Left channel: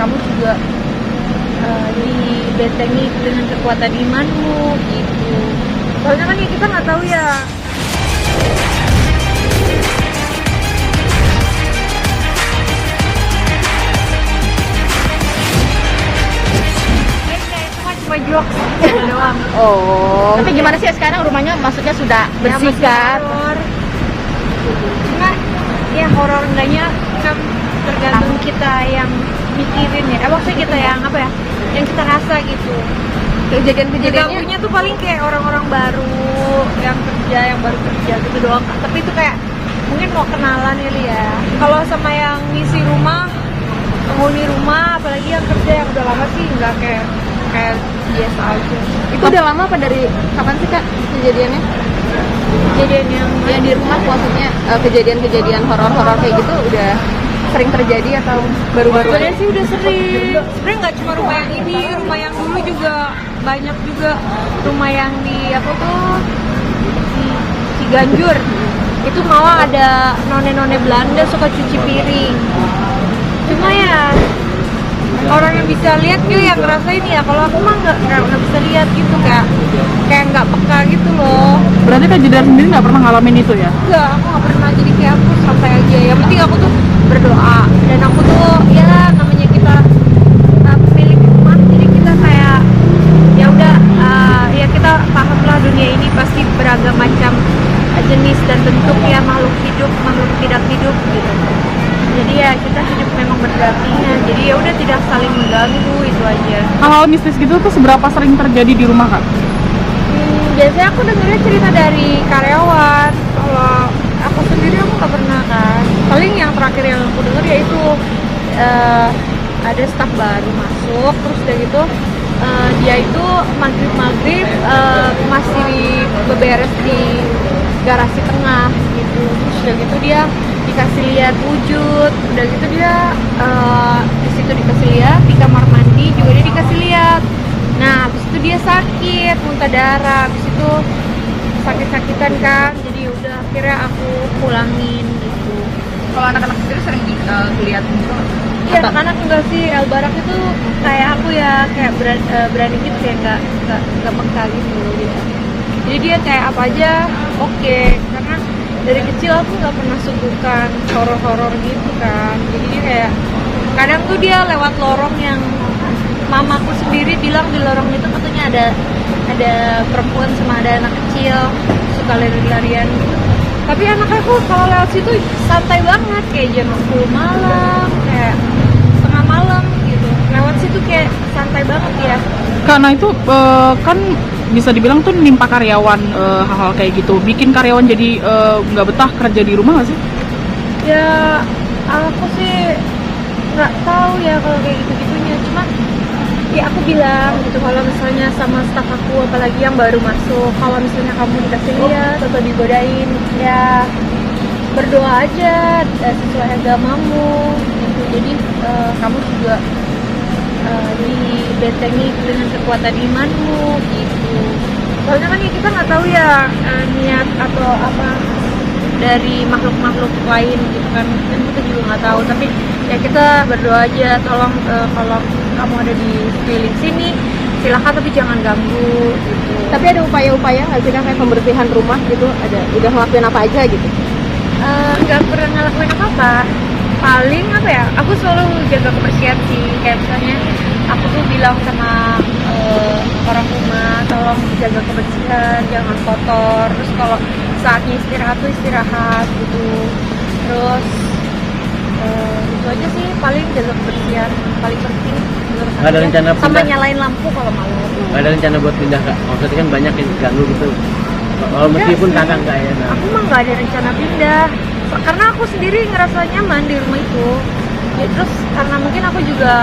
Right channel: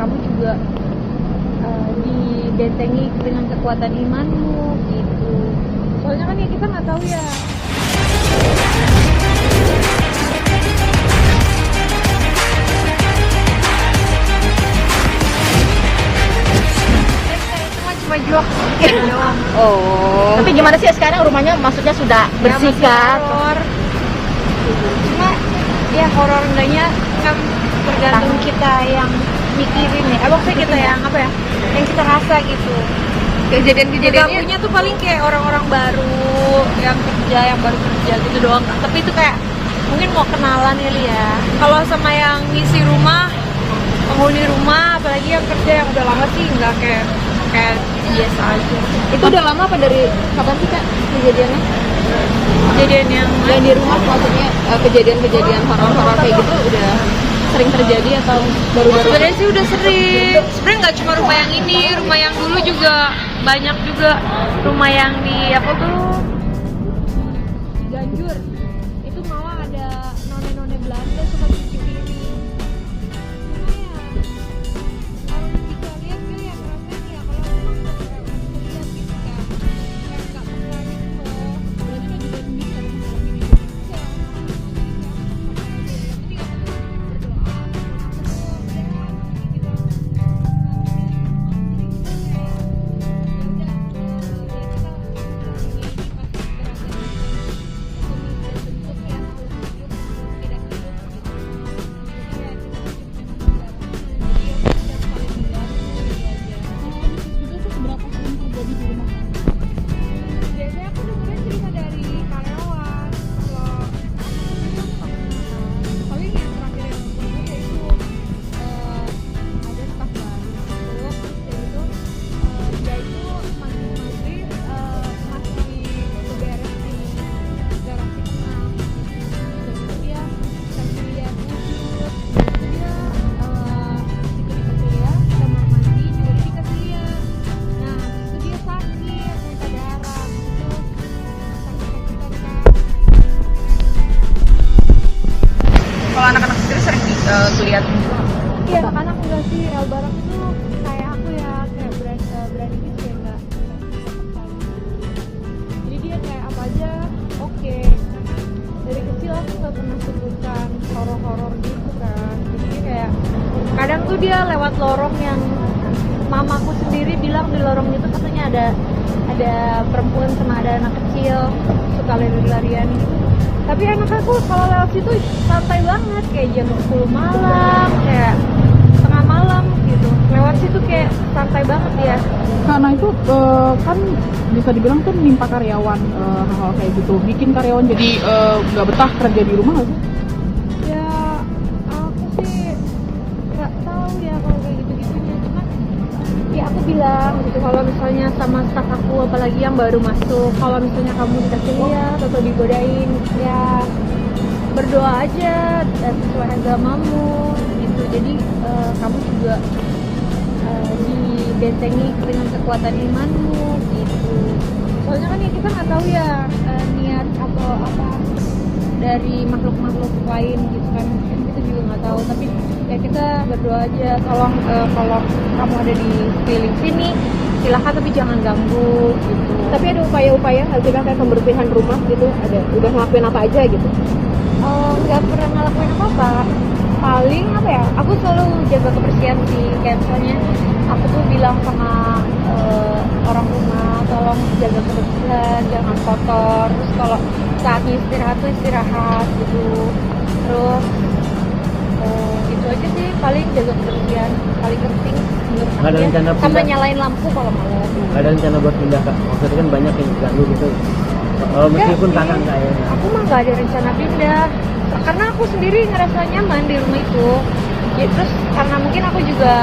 kamu juga dibentengi dengan kekuatan imanmu gitu. Soalnya kan ya kita nggak tahu ya. Cuma jok doang. Oh, tapi gimana sih sekarang rumahnya? Maksudnya sudah bersih kan? Horor. Cuma ya horor enggaknya kan tergantung kita yang mikirin ya. Maksudnya kita yang apa ya? Yang kita rasa gitu. Kejadian-kejadiannya Ganggunya tuh paling kayak orang-orang baru yang baru kerja gitu doang. Tapi itu kayak mungkin mau kenalan kali ya. Kalau sama yang ngisi rumah, penghuni rumah, apalagi yang kerja yang udah lama sih nggak kayak biasa aja. itu udah lama apa dari kapan sih Kak kejadiannya? Kejadian yang Di rumah maksudnya kejadian-kejadian horor-horor kayak gitu udah sering terjadi atau baru-baru? sebenarnya sih udah sering. Sebenarnya nggak cuma rumah yang ini, rumah yang dulu juga banyak juga. Rumah yang di apa tuh di Ciganjur itu malah ada none-none Belanda suka cuci piring. Cuma ya orang yang bisa lihat tuh yang ngerasain ya. Kalau aku mah nggak bisa lihat gitu, kayak nggak peka gitu loh. Berarti Kak Jedar sendiri nggak pernah ngalamin itu ya? Enggak, aku nggak pernah. Jadi kayak aku santai aja. Yang penting aku tuh berdoa, dan aku tuh ya namanya kita pemilik rumah, jadi kita kayak ya udah ya kita paham lah dunia ini pasti beragam macam jenis dan bentuk ya, makhluk hidup, makhluk tidak hidup gitu. Jadi ya kita hidup memang berdampingan. Jadi ya udah tidak saling mengganggu, itu aja. Kalau mistis gitu tuh seberapa sering terjadi di rumah Kak? Biasanya aku dengernya cerita dari karyawan. Kalau aku sendiri aku nggak pernah kan. Paling yang terakhir yang aku denger yaitu ada staf baru masuk, terus udah gitu dia itu maghrib masih beberes di garasi tengah gitu. Terus udah gitu dia dikasih lihat wujud, udah gitu dia di situ dikasih lihat, di kamar mandi juga dia dikasih lihat. Nah, habis itu dia sakit, muntah darah, habis itu sakit-sakitan kan, jadi udah akhirnya aku pulangin gitu. Kalau anak-anak sendiri sering lihat Iya, anak-anak enggak sih, Albarak itu kayak aku ya, kayak berani gitu ya, nggak peka gitu. Jadi dia kayak apa aja oke, karena dari kecil aku nggak pernah suguhkan horor-horor gitu kan. Jadi dia kayak kadang tuh dia lewat lorong yang mamaku sendiri bilang di lorong itu katanya ada perempuan sama ada anak kecil suka lari-larian gitu. Tapi anak aku kalau lewat situ santai banget, kayak jam 10 malam, kayak tengah malam gitu. Lewat situ kayak santai banget ya. karena itu kan bisa dibilang tuh nimpa karyawan hal-hal kayak gitu, bikin karyawan jadi nggak betah kerja di rumah nggak sih? Ya aku sih nggak tahu ya kalau kayak gitu-gitunya. Cuman ya aku bilang gitu, kalau misalnya sama staf aku apalagi yang baru masuk, kalau misalnya kamu dikasih lihat atau digodain, ya berdoa aja sesuai agamamu gitu. Jadi kamu juga dibentengi dengan kekuatan imanmu gitu. Soalnya kan ya kita nggak tahu ya niat atau apa dari makhluk-makhluk lain gitu kan kita juga nggak tahu. Tapi ya kita berdoa aja, tolong kalau kamu ada di sekeliling sini silahkan, tapi jangan ganggu gitu. Tapi ada upaya-upaya nggak sih kayak pembersihan rumah gitu? Udah ngelakuin apa aja gitu? Nggak pernah ngelakuin apa-apa. Paling apa ya, aku selalu jaga kebersihan sih. Kayak misalnya aku tuh bilang sama orang rumah, tolong jaga kebersihan, jangan kotor. Terus kalau saatnya istirahat tuh istirahat gitu. Terus itu aja sih, paling jaga kebersihan paling penting menurut Nggak ada aku. rencana Sama pindah? nyalain lampu kalau malam. Nggak ada rencana buat pindah Kak? Maksudnya kan banyak yang diganggu gitu. Kalau meskipun Enggak kakak sih. nggak ya. Aku mah nggak ada rencana pindah, karena aku sendiri ngerasa nyaman di rumah itu ya. Terus karena mungkin aku juga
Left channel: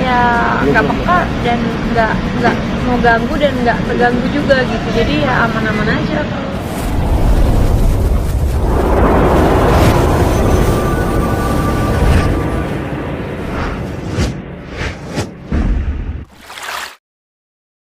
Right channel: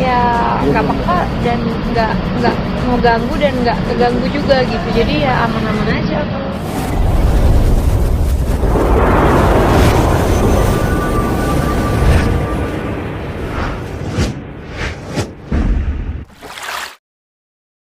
ya nggak peka dan nggak mau ganggu dan nggak terganggu juga gitu, jadi ya aman-aman aja.